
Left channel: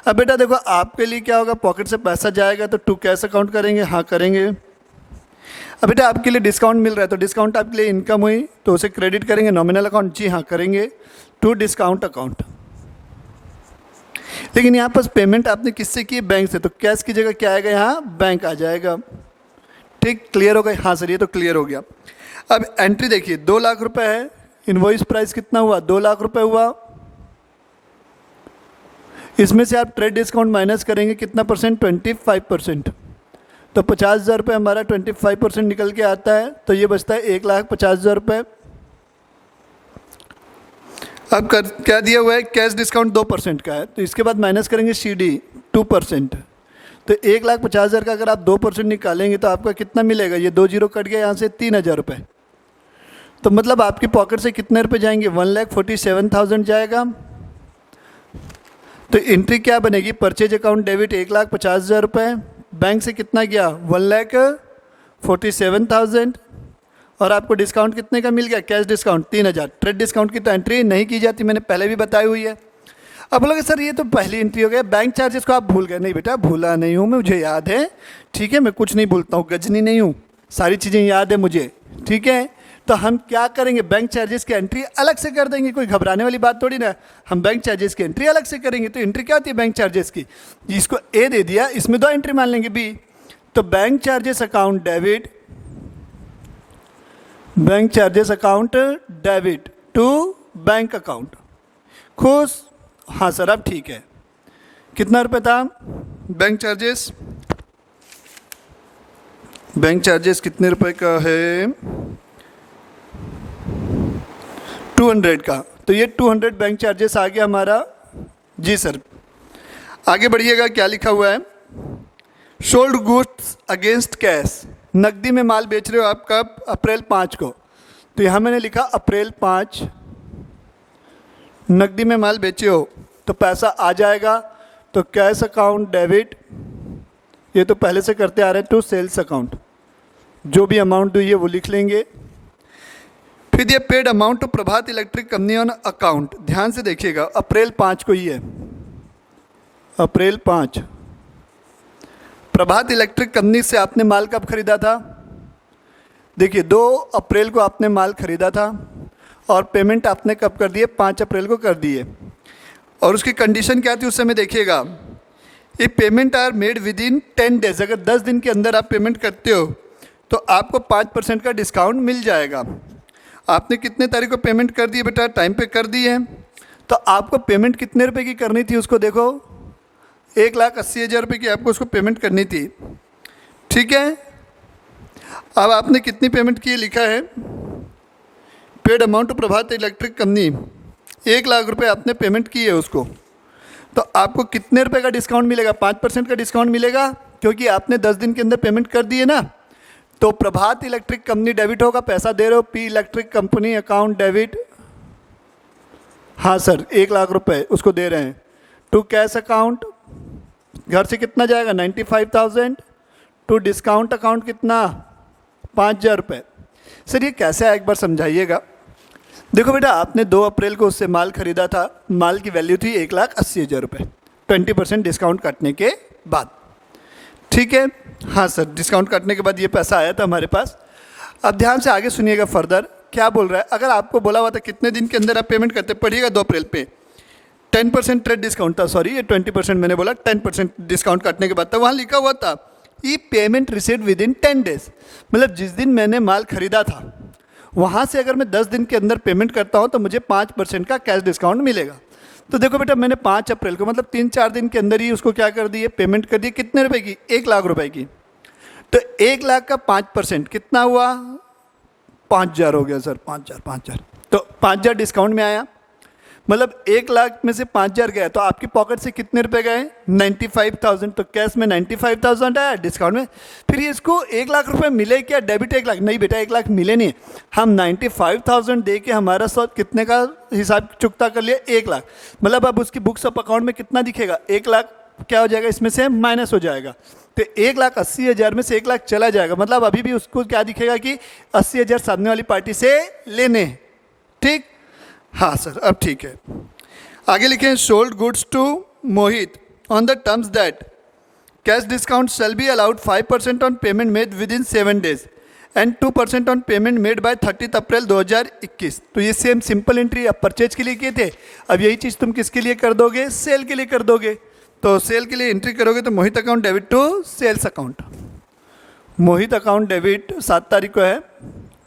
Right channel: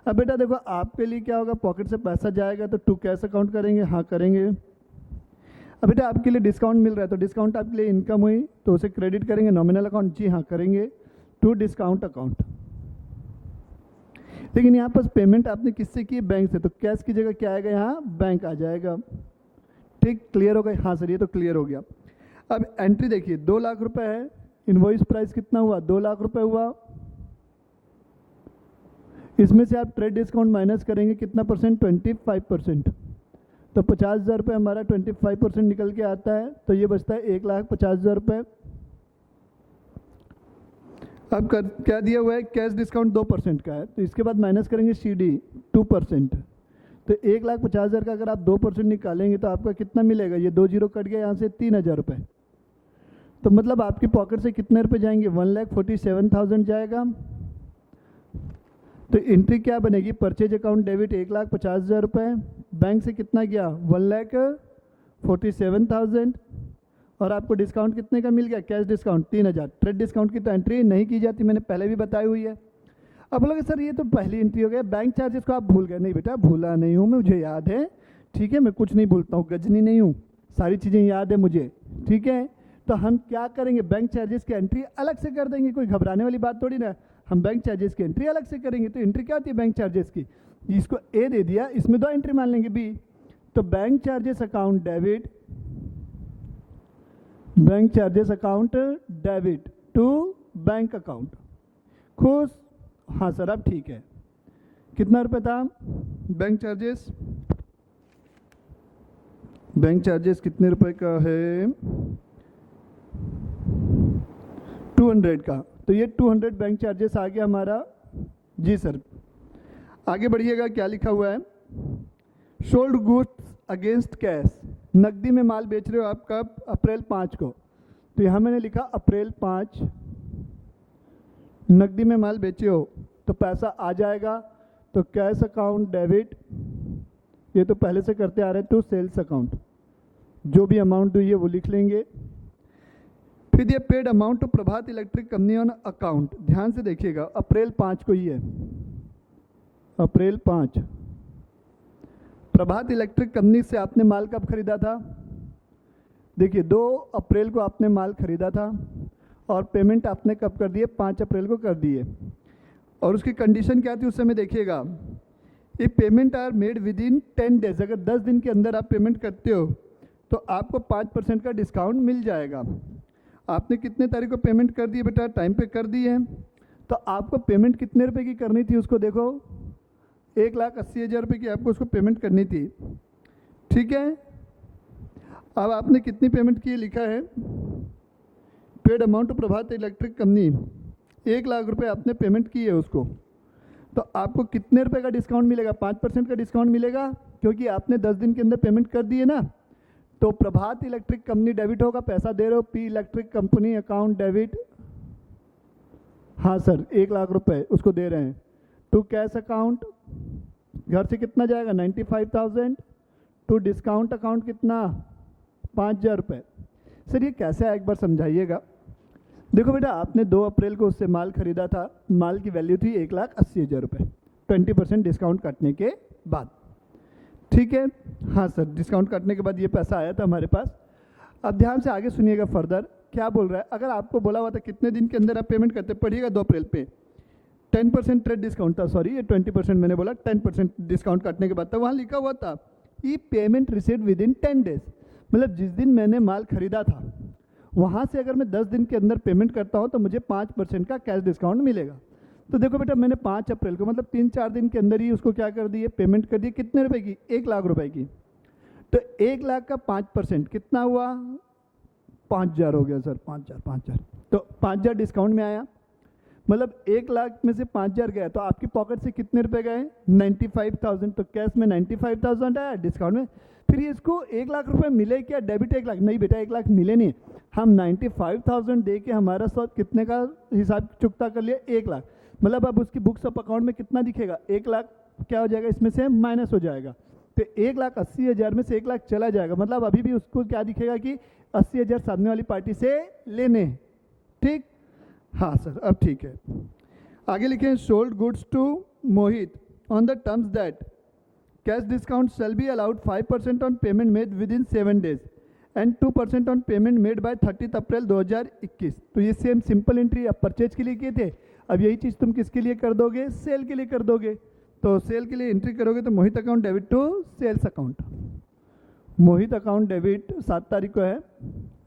अब बेटा देखो आपके लिए क्या होगा, पॉकेट से पैसा जाएगा तो टू कैश अकाउंट करेंगे, हाँ करेंगे। अब बेटा आपके लिए डिस्काउंट मिल रहा है तो डिस्काउंट आपके लिए इनकम हुई तो उसे क्रेडिट करेंगे, नॉमिनल अकाउंट, जी हाँ करेंगे, टू डिस्काउंट अकाउंट। लेकिन यहाँ पर पेमेंट आपने किससे की, बैंक से, तो कैश की जगह क्या आएगा, यहाँ बैंक आ जाएगा। ठीक क्लियर हो गया, हाँ सर ये तो क्लियर हो गया। अब एंट्री देखिए 2 लाख रुपए है, इनवॉइस प्राइस कितना हुआ, 2 लाख रुपए हुआ। इसमें से आप ट्रेड डिस्काउंट माइनस करेंगे कितना परसेंट, 25%, तो 50,000 रुपये हमारा 25% निकल के आता है, तो ये बचता है 1,50,000 रुपये। अब क्या दिया हुआ है, कैश डिस्काउंट 2% का है, तो इसके बाद माइनस करेंगे CD 2%, तो 1,50,000 का अगर आप 2% निकालेंगे तो आपका कितना मिलेगा, ये 2 जीरो कट गया यहाँ से, 3,000 रुपये। तो मतलब आपकी पॉकेट से कितने रुपए जाएंगे, 1,47,000 जाएगा। तो एंट्री क्या बनेगी, परचेज अकाउंट डेबिट 1,50,000 रुपये, बैंक से कितना गया, 1,47,000, और आपको डिस्काउंट कितने का मिल गया, कैश डिस्काउंट 3,000। ट्रेड डिस्काउंट की तो एंट्री नहीं की जाती, मैंने पहले भी बताई हुई है। अब बोलोगे सर ये तो पहली एंट्री हो गया, बैंक चार्जेस को आप भूल गए। नहीं बेटा भूला नहीं हूँ, मुझे याद है, ठीक है, मैं कुछ नहीं भूलता हूँ, गजनी नहीं हूँ, सारी चीज़ें याद है मुझे, ठीक है। तो हम क्या करेंगे, बैंक चार्जेस की एंट्री अलग से कर देंगे, कोई घबराने वाली बात थोड़ी ना, हम बैंक चार्जेस की एंट्री अलग से करेंगे। तो एंट्री क्या होती है बैंक चार्जेस की, इसको ए दे दिया, इसमें 2 एंट्री मान लेंगे बी, तो bank charges account debit, bank charges account debit to bank account. खुश, हाँ सर अब ठीक है। कितना रुपए था बैंक चार्जेस, बैंक चार्जेस कितने रुपए का है, 200 का, तो ये 200 बैंक चार्जेस आ गया हमारा। जी सर आगे बढ़िएगा, क्या लिखा हुआ है, सोल्ड गुड्स अगेंस्ट कैश, नकदी में माल बेच रहे हो आप कब, अप्रैल 5 को, तो यहाँ मैंने लिखा अप्रैल 5 नकदी में माल बेचे हो तो पैसा आ जाएगा, तो कैश अकाउंट डेबिट, ये तो पहले से करते आ रहे हैं, टू सेल्स अकाउंट, जो भी अमाउंट हुई है वो लिख लेंगे। फिर ये paid amount to Prabhat electric company on account, ध्यान से देखिएगा अप्रैल 5 को ही है, अप्रैल 5 प्रभात इलेक्ट्रिक कंपनी से आपने माल कब खरीदा था, देखिए 2 अप्रैल को आपने माल खरीदा था और पेमेंट आपने कब कर दिए, 5 अप्रैल को कर दिए। और उसकी कंडीशन क्या थी उस समय देखिएगा, ये payment are made within 10 days, अगर 10 दिन के अंदर आप पेमेंट करते हो तो आपको 5% का डिस्काउंट मिल जाएगा। आपने कितने तारीख को पेमेंट कर दी बेटा? टाइम पे कर दी है। तो आपको पेमेंट कितने रुपए की करनी थी उसको देखो, 1,80,000 रुपये की आपको उसको पेमेंट करनी थी। ठीक है, अब आपने कितनी पेमेंट की लिखा है, paid amount to Prabhat electric company, 1,00,000 रुपये आपने पेमेंट की है उसको। तो आपको कितने रुपए का डिस्काउंट मिलेगा? 5% का डिस्काउंट मिलेगा, क्योंकि आपने 10 दिन के अंदर पेमेंट कर दी है ना। तो प्रभात इलेक्ट्रिक कंपनी डेबिट होगा, पैसा दे रहे हो, P electric company account debit, हाँ सर 1,00,000 रुपये उसको दे रहे हैं। टू कैश अकाउंट, घर से कितना जाएगा? 95,000। टू डिस्काउंट अकाउंट कितना? 5,000 रुपये। सर ये कैसे है, एक बार समझाइएगा। देखो बेटा, आपने 2 अप्रैल को उससे माल खरीदा था, माल की वैल्यू थी 1,80,000 रुपये 20% डिस्काउंट काटने के बाद। ठीक है, हाँ सर, डिस्काउंट काटने के बाद ये पैसा आया था हमारे पास। अब ध्यान से आगे सुनिएगा फर्दर क्या बोल रहा है। अगर आपको बोला हुआ था कितने दिन के अंदर आप पेमेंट करते, पढ़िएगा 2 अप्रैल पे 10% ट्रेड डिस्काउंट था, सॉरी ये 20% मैंने बोला, 10% डिस्काउंट काटने के बाद था। वहाँ लिखा हुआ था e payment received within 10 days, मतलब जिस दिन मैंने माल खरीदा था वहाँ से अगर मैं 10 दिन के अंदर पेमेंट करता हूँ तो मुझे 5% का कैश डिस्काउंट मिलेगा। तो देखो बेटा, मैंने 5 अप्रैल को मतलब 3-4 दिन के अंदर ही उसको क्या कर दिए, पेमेंट कर दी। कितने रुपए की? 1,00,000 रुपए की। तो 1,00,000 का 5% कितना हुआ? 5,000 हो गया सर, 5,000। तो 5,000 डिस्काउंट में आया, मतलब 1,00,000 में से 5,000 गया, तो आपकी पॉकेट से कितने रुपए गए? 95,000। तो कैश में 95,000 आया, डिस्काउंट में फिर ये इसको 1,00,000 रुपये मिले क्या? डेबिट 1,00,000? नहीं बेटा, 1,00,000 मिले नहीं, हम 95,000 दे के हमारा सब कितने का हिसाब चुकता कर लिया? 1,00,000। मतलब अब उसकी बुक्स ऑफ अकाउंट में कितना दिखेगा? 1,00,000 क्या हो जाएगा? इसमें से माइनस हो जाएगा। तो 1,80,000 में से 1,00,000 चला जाएगा, मतलब अभी भी उसको क्या दिखेगा कि 80,000 सामने वाली पार्टी से लेने। ठीक, हाँ सर, अब ठीक है। आगे लिखें, sold goods to Mohit on the terms that cash discount shall be allowed 5% on payment made within 7 days and 2% on payment made by 30 April 2021। तो ये सेम सिंपल एंट्री अब परचेज के लिए किए थे, अब यही चीज़ तुम किसके लिए कर दोगे? सेल के लिए कर दोगे। तो सेल के लिए एंट्री करोगे तो Mohit account debit to sales account, Mohit account debit 7 तारीख को है,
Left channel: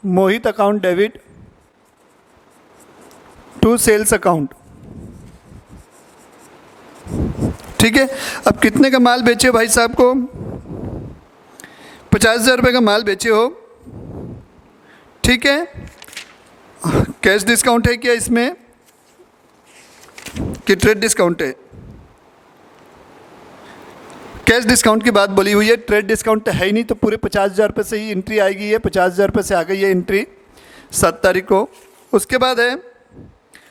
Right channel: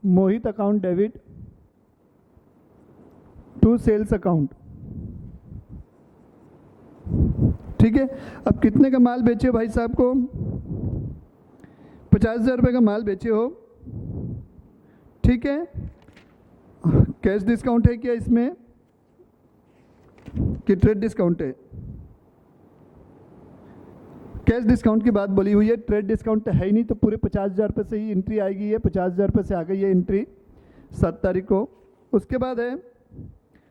Mohit account debit to sales account. ठीक है, अब कितने का माल बेचे हो भाई साहब को? 50,000 रुपये का माल बेचे हो। ठीक है, कैश डिस्काउंट है क्या इसमें कि ट्रेड डिस्काउंट है? कैश डिस्काउंट की बात बोली हुई है, ट्रेड डिस्काउंट है ही नहीं, तो पूरे 50,000 रुपये से ही एंट्री आएगी। ये 50,000 रुपये से आ गई है एंट्री 7 तारीख को। उसके बाद है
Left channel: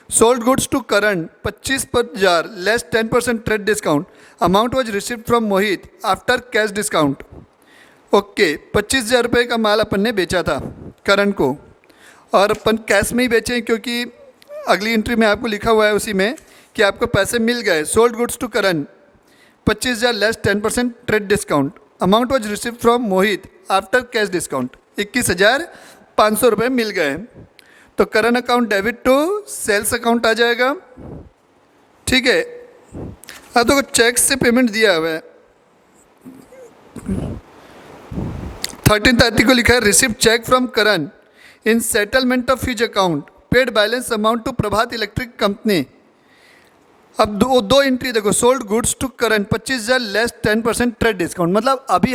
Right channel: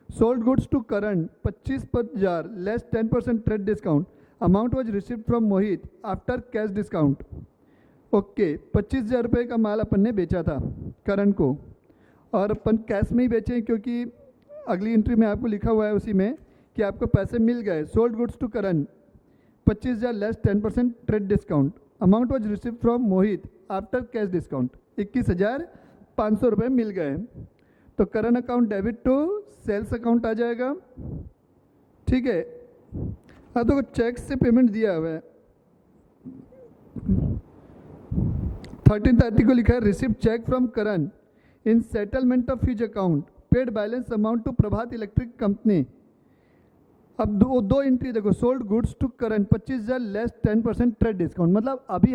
sold goods to Karan 25,000 less 10% trade discount, amount was received from Mohit after cash discount. Okay, 25,000 रुपये का माल अपन ने बेचा था करण को, और अपन कैश में ही बेचे क्योंकि अगली एंट्री में आपको लिखा हुआ है उसी में कि आपको पैसे मिल गए। Sold goods to Karan 25,000 less 10% trade discount, amount was received from Mohit after cash discount, 21,500 रुपये मिल गए। तो current account debit to sales account आ जाएगा। ठीक है, अब तो चेक से पेमेंट दिया हुआ है, 13 तारीख को लिखा है receive cheque from Karan in settlement of his account, paid balance amount to Prabhat electric company. अब दो एंट्री देखो, sold goods to Karan 25,000 less 10% trade discount, मतलब अभी